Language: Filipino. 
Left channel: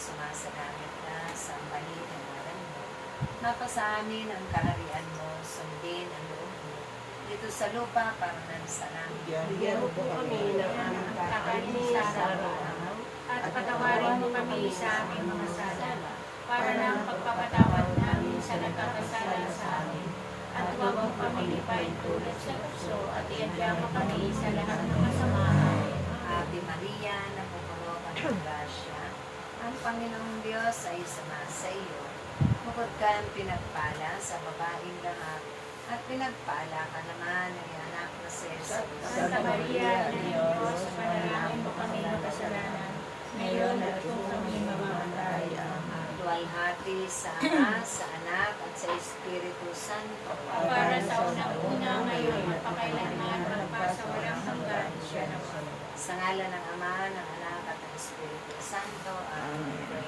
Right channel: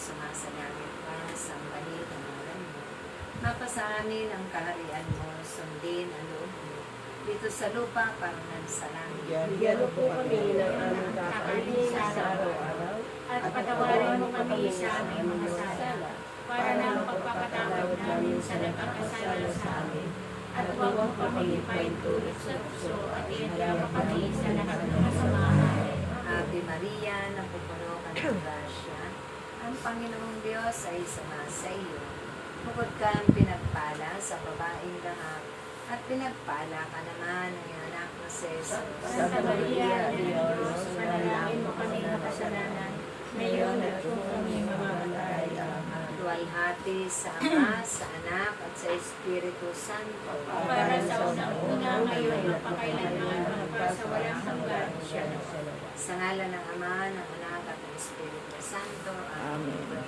sumasalangit ka, sambahin ang ngalan mo. Mapasa amin ang kaharian mo, sundin ang loob mo. Dito sa lupa, parang sa langit. Bigyan mo po kami ng aming kakainin sa araw-araw at patawarin mo kami sa aming mga sala para ng pagpapatawad namin sa nagkakasala sa amin. At huwag mo kami ipaintulot sa puso at iadya mo kami sa lahat ng kasamahan. Ate Maria, napupuno ka ng grasya, ang Panginoong Diyos ay sumasa iyo. Bukod kang pinagpala sa babaeng lahat, at pinagpala ka naman ng anak na si Jesus. Santa Maria, Diyos, manalangin mo kami ng kasalanan, ngayon at kung kami mamamatay. Amen. Luwalhati sa Ama, sa Anak, at sa Espiritu Santo. Para sa unang-una, ngayon at pakailanman, magpasawalang hanggan siya na sa Sa ngalan ng Ama, ng Anak, at ng Espiritu Santo. Amen.